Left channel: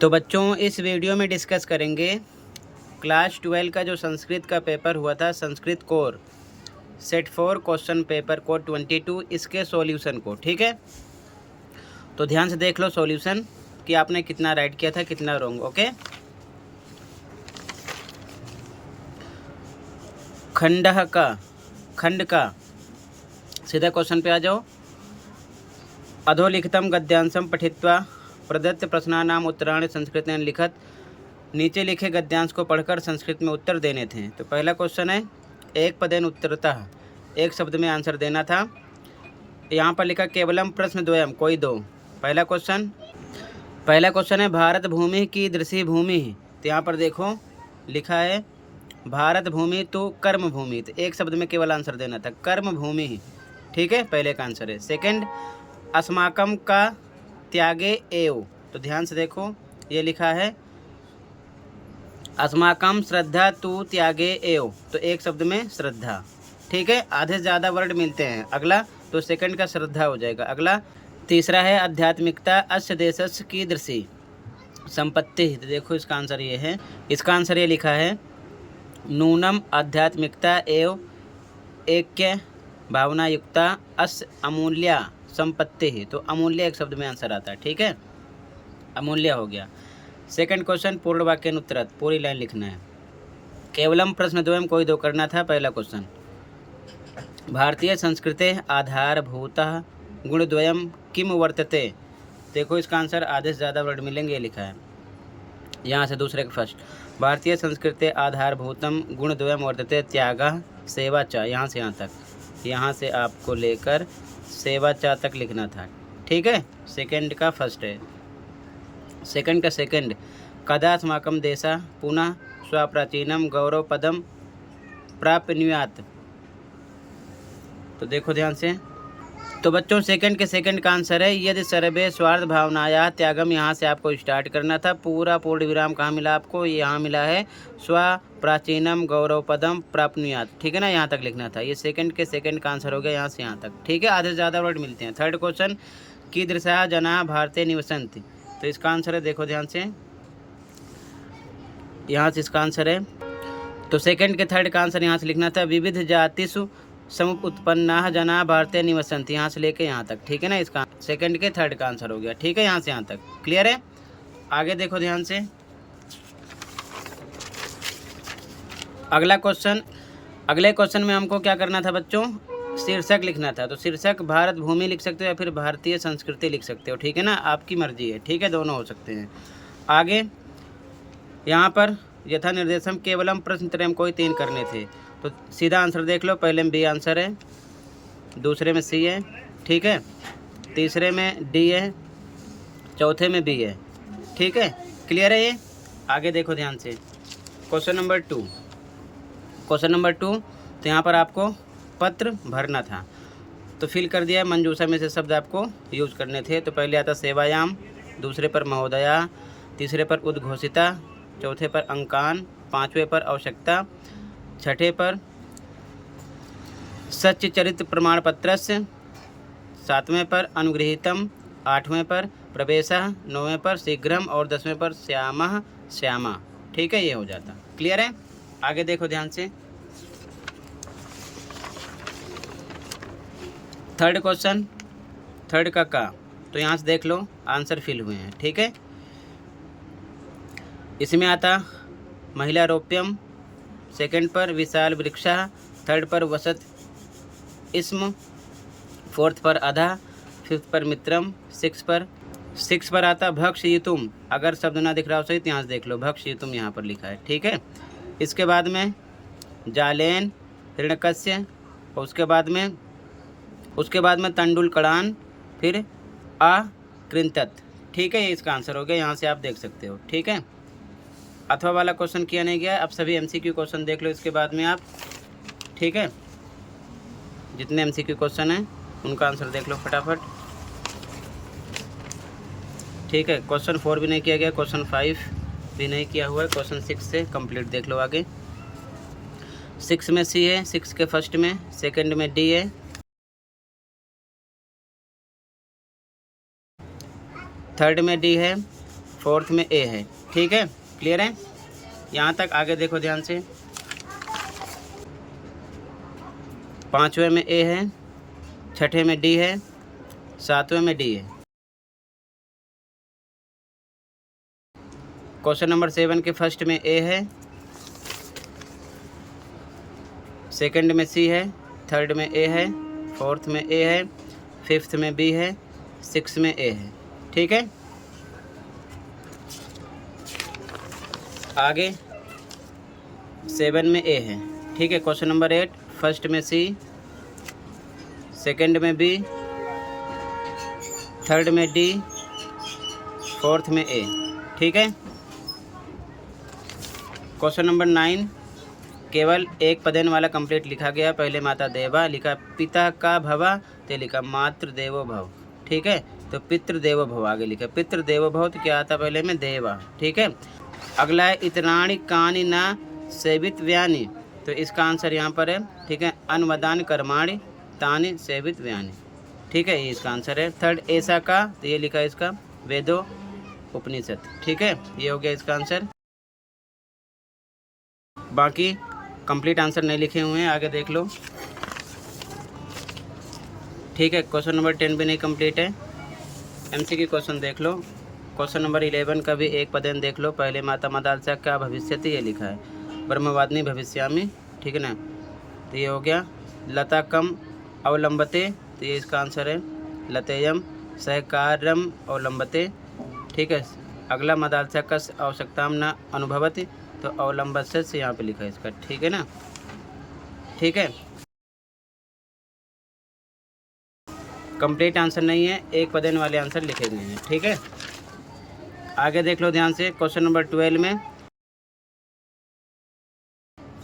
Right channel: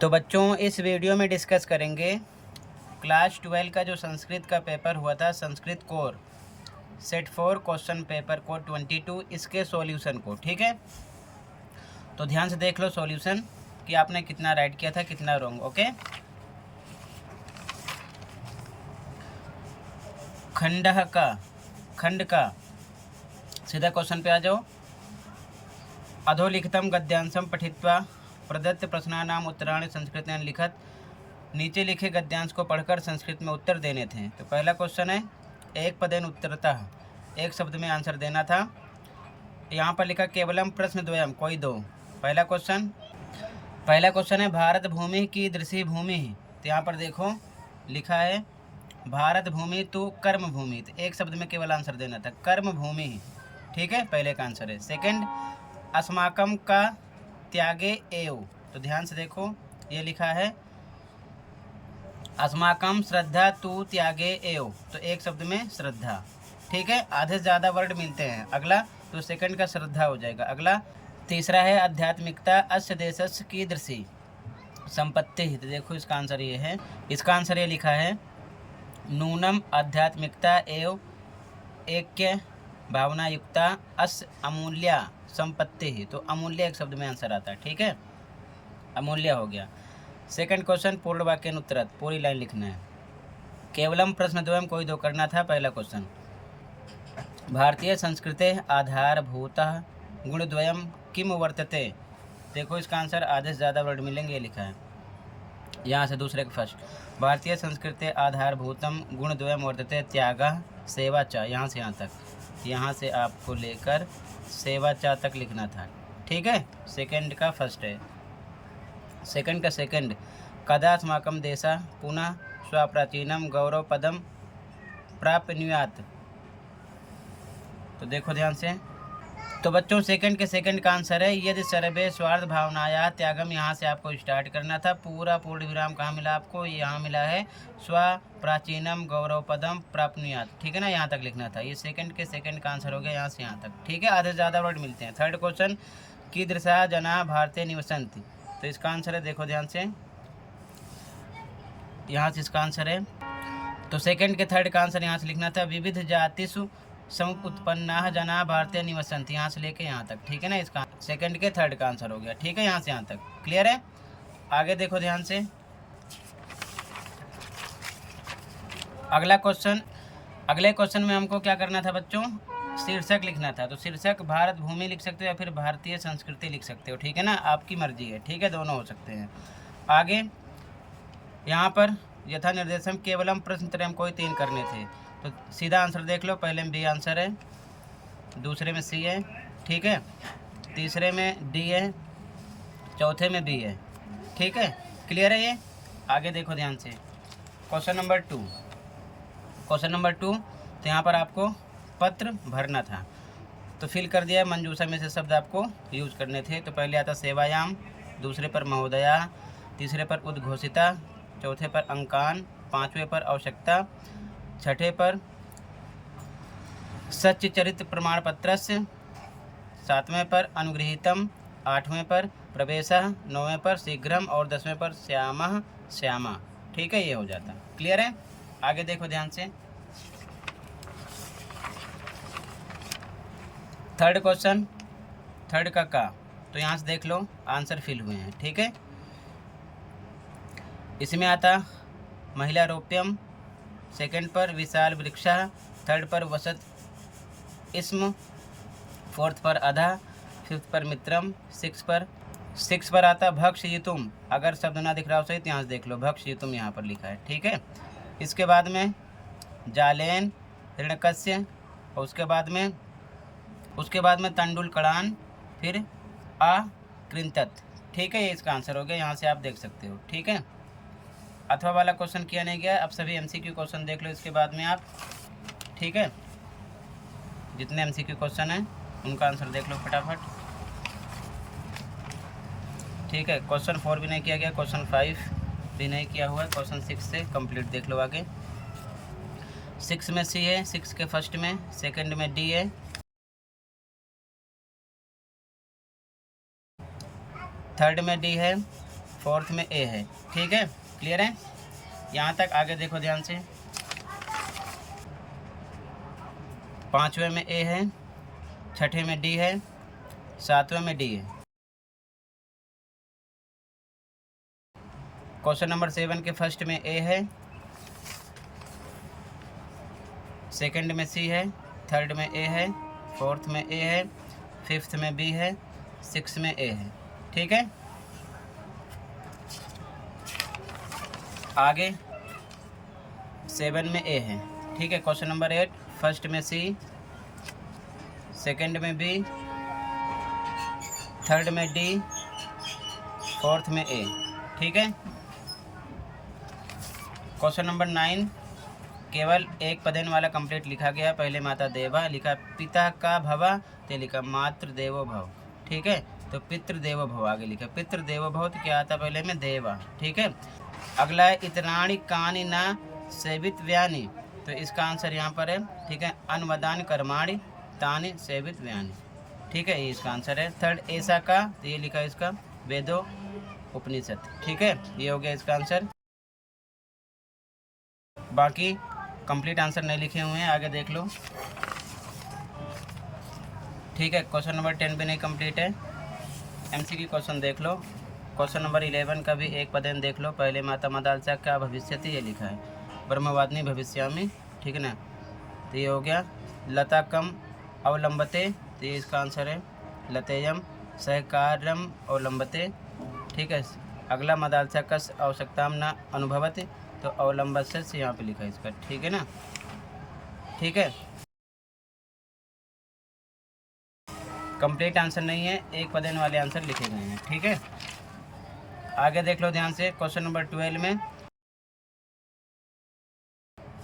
तो बच्चों इस वीडियो में डिस्कस करेंगे क्लास 12 का जो संस्कृत का पेपर हुआ था, Sanskrit core set 4 question paper code 22, इसके सॉल्यूशन को। ठीक है, तो ध्यान से देख लो सॉल्यूशन कि आपने कितना राइट किया था, कितना रॉन्ग। ओके, खंड का सीधा क्वेश्चन पे आ जाओ। अधोलिखितम गद्यांशम पठित्वा प्रदत्त प्रश्नानाम उत्तराणि संस्कृतेन लिखत। नीचे लिखे गद्यांश को पढ़कर संस्कृत में उत्तर देने थे। तो पहला क्वेश्चन है एक पदेन उत्तरतः, एक शब्द में आंसर देना था। यहाँ पर लिखा केवलम प्रश्न द्वयम, कोई दो। पहला क्वेश्चन है भारत भूमि की दृश्य भूमि। तो यहाँ पर देखो लिखा है भारत भूमि तो कर्म भूमि, तो एक शब्द में केवल आंसर देना था कर्म भूमि। ठीक है, पहले का आंसर है। सेकंड, अस्माकम का त्यागे एव। तो ध्यान से देखो ये लिखा है अस्माकम श्रद्धा तू त्यागे एव, तो एक शब्द में श्रद्धा। ठीक है, आधे से ज़्यादा वर्ड मिलते हैं। अगला तो सेकंड का श्रद्धा हो जाएगा। अगला तीसरा है आध्यात्मिकता अस्य देशस्य कीदृशी संपत्ति। तो देखो इसका आंसर ये है, इसका आंसर ये लिखा है नूनम आध्यात्मिकता एव ऐक्य भावना युक्ता अस्य अमूल्या संपत्ति ही। तो अमूल्य एक शब्द में आंसर आता है। ठीक है, अमूल्य हो गया। सेकंड क्वेश्चन पूर्ण वाक्य उत्तरत, पूरी लाइन लिखना है। केवलम प्रश्न द्वयम, कोई दो करना था। पहला क्वेश्चन भारतीय संस्कृते आधारभूतः गुणद्वयम किम वर्तते। देखो इसका आंसर आधे से ज़्यादा वर्ड मिलेंगे, लिखा है यहाँ से दूसरे के फर्स्ट। भारतीय संस्कृते आधारभूतम गुणद्वयम वर्तते त्यागः सेवा च। यहाँ से यहाँ तक, यहाँ से आपको लेकर सेवा चा तक लिखना था। ठीक है, सेकंड का फर्स्ट है। सेकंड का सेकंड, कदा अस्माकं देशा पुनः स्वप्राचीनम गौरव पदम प्राप्नुयात्। तो देखो ध्यान से, तो बच्चों सेकंड के सेकंड का आंसर है यदि सर्वे स्वार्थ भावनाया त्यागम। यहाँ से आपको स्टार्ट करना था। पूरा पूर्ण विराम कहाँ मिला आपको, यहाँ मिला है स्व प्राचीनम गौरव पदम प्राप्नुयात्। ठीक है ना, यहाँ तक लिखना था। ये सेकंड के सेकंड का आंसर हो गया यहाँ से यहाँ तक। ठीक है, आधे से ज़्यादा वर्ड मिलते हैं। थर्ड क्वेश्चन कीदृशा जना भारतीय निवसन्ति। तो इसका आंसर है, देखो ध्यान से, यहाँ से इसका आंसर है। तो सेकंड के थर्ड का आंसर यहाँ से लिखना था विविध जातिषु समुत्पन्ना जना भारतीय निवसन्ति, यहाँ से लेके यहाँ तक। ठीक है ना, इसका सेकंड के थर्ड का आंसर हो गया। ठीक है, यहाँ से यहाँ तक क्लियर है। आगे देखो ध्यान से, अगला क्वेश्चन। अगले क्वेश्चन में हमको क्या करना था बच्चों, शीर्षक लिखना था। तो शीर्षक भारत भूमि लिख सकते हो या फिर भारतीय संस्कृति लिख सकते हो। ठीक है ना, आपकी मर्जी है। ठीक है, दोनों हो सकते हैं। आगे यहाँ पर यथा निर्देशम केवलम प्रश्न त्रयम, कोई तीन करने थे। तो सीधा आंसर देख लो, पहले में बी आंसर है, दूसरे में सी है, ठीक है, तीसरे में डी है, चौथे में बी है। ठीक है, क्लियर है ये। आगे देखो ध्यान से, क्वेश्चन नंबर टू। तो यहाँ पर आपको पत्र भरना था, तो फिल कर दिया। मंजूषा में से शब्द आपको यूज करने थे। तो पहले आता सेवायाम, दूसरे पर महोदया, तीसरे पर उद्घोषिता, चौथे पर अंकान, पांचवें पर आवश्यकता, छठे पर सच्च चरित्र प्रमाण पत्रस्य, सातवें पर अनुगृहीतम, आठवें पर प्रवेशः, नौवें पर शीघ्रम और 10वें पर श्यामः श्यामा। ठीक है, ये हो जाता। क्लियर है। आगे देखो ध्यान से, थर्ड क्वेश्चन, थर्ड का तो यहाँ से देख लो आंसर फिल हुए हैं। ठीक है, इसमें आता महिला रोप्यम, सेकंड पर विशाल वृक्षा, थर्ड पर वसत इस्म, फोर्थ पर अधा, फिफ्थ पर मित्रम, सिक्स पर आता भक्ष युतुम। अगर शब्द ना दिख रहा हो सही तो यहाँ से देख लो, भक्ष युतुम यहाँ पर लिखा है। ठीक है, इसके बाद में जालेन हिरण्यकश्य, और उसके बाद में तंडुल कड़ान, फिर अकृंतत। ठीक है, ये इसका आंसर हो गया। यहाँ से आप देख सकते हो। ठीक है, अथवा वाला क्वेश्चन किया नहीं गया। अब सभी एमसीक्यू क्वेश्चन देख लो इसके बाद में आप। ठीक है, जितने एमसीक्यू क्वेश्चन हैं उनका आंसर देख लो फटाफट। ठीक है, क्वेश्चन 4 भी नहीं किया गया, क्वेश्चन 5 भी नहीं किया हुआ है, क्वेश्चन 6 से कंप्लीट देख लो आगे। 6 में सी है, 6 के फर्स्ट में, सेकंड में डी है, थर्ड में डी है, फोर्थ में ए है। ठीक है, क्लियर है यहाँ तक? आगे देखो ध्यान से। पाँचवें में ए है, छठे में डी है, सातवें में डी है। क्वेश्चन नंबर 7 के फर्स्ट में ए है, सेकंड में सी है, थर्ड में ए है, फोर्थ में ए है, फिफ्थ में बी है, सिक्स में ए है। ठीक है, आगे 7 में ए है। ठीक है, क्वेश्चन नंबर 8 फर्स्ट में सी, सेकंड में बी, थर्ड में डी, फोर्थ में ए। ठीक है, क्वेश्चन नंबर 9 केवल एक पदेन वाला कंप्लीट लिखा गया। पहले माता देवा लिखा, पिता का भवा ते लिखा मातृ देवो भव। ठीक है, तो पितृ देवो भव आगे लिखा, पितृ देवो भव तो क्या आता पहले में देवा। ठीक है, अगला है इतराणी कानी ना सेवित व्यानी, तो इसका आंसर यहाँ पर है। ठीक है, अनवदान कर्माणि तानि सेवित व्यानी। ठीक है, ये इसका आंसर है। थर्ड ऐसा का, तो ये लिखा है इसका वेदो उपनिषद। ठीक है, ये हो गया इसका आंसर। बाकी कंप्लीट आंसर नहीं लिखे हुए हैं, आगे देख लो। ठीक है, क्वेश्चन नंबर 10 भी नहीं कंप्लीट है। एमसीक्यू क्वेश्चन देख लो। क्वेश्चन नंबर 11 का भी एक पदेन देख लो। पहले माता मदालसा क्या भविष्यति, ये लिखा है ब्रह्मवादिनी भविष्यामि। ठीक है ना, तो ये हो गया। लता कम अवलंबते, तो ये इसका आंसर है लतेयम सहकारम अवलंबते। ठीक है, अगला मदालसा का आवश्यकता न अनुभवति, तो अवलंबत से यहाँ पे लिखा है इसका। ठीक है ना, ठीक है, कंप्लीट आंसर नहीं है, एक पदेन वाले आंसर लिखे गए हैं। ठीक है, आगे देख लो ध्यान से। क्वेश्चन नंबर 12 में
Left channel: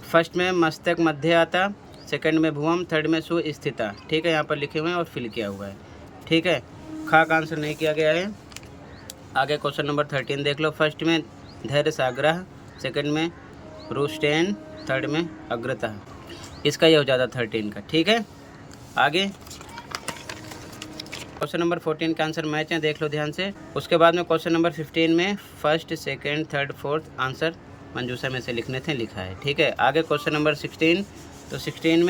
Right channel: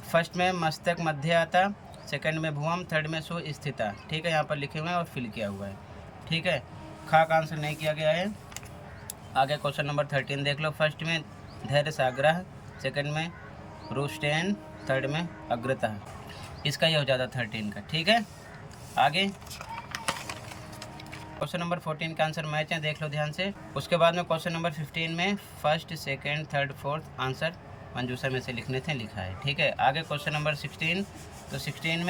फर्स्ट में मस्तक मध्य आता, सेकंड में भुवम, थर्ड में सुस्थिता। ठीक है, यहाँ पर लिखे हुए हैं और फिल किया हुआ है। ठीक है, खा का आंसर नहीं किया गया है। आगे क्वेश्चन नंबर 13 देख लो। फर्स्ट में धैर्य साग्रह, सेकंड में रुस्टेन, थर्ड में अग्रता। इसका ये हो जाता 13 का। ठीक है, आगे क्वेश्चन नंबर 14 का आंसर मैच है, देख लो ध्यान से। उसके बाद में क्वेश्चन नंबर 15 में first, second, third, fourth answer मंजूषा में से लिखने थे, लिखा है। ठीक है, आगे क्वेश्चन नंबर 16, तो 16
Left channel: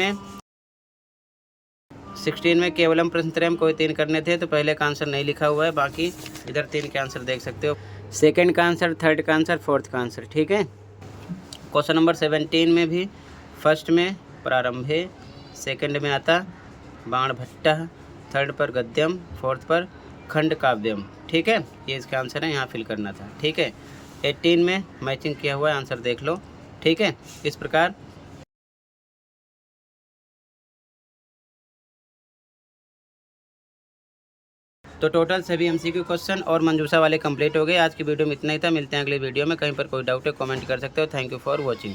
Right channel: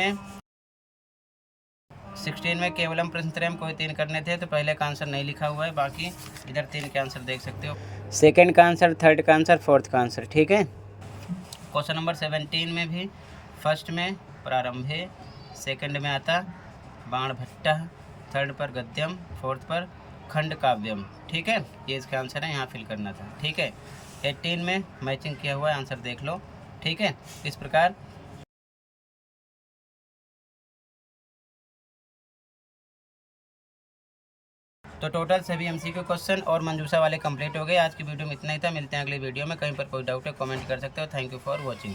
में केवलम प्रश्नत्रयम कोई 3 करने थे, तो पहले का आंसर नहीं लिखा हुआ है। बाकी इधर 3 के आंसर देख सकते हो, सेकंड का आंसर, थर्ड का आंसर, फोर्थ का आंसर। ठीक है, क्वेश्चन नंबर 17 में भी फर्स्ट में प्रारंभे, सेकंड में आता बाण भट्टा, थर्ड पर गद्यम, फोर्थ पर खंड काव्यम। ठीक है, ये इसका आंसर है, यहाँ फिल करना था। ठीक है, 18 में मैचिंग किया हुआ है, आंसर देख लो। ठीक है, इस प्रकार तो टोटल सभी एमसीक्यू क्वेश्चन और मंजूषा वाले कंप्लीट हो गए। आज की वीडियो में इतना ही था, मिलते हैं अगली वीडियो में। कहीं पर कोई डाउट है कमेंट कर सकते हो। Thank you for watching.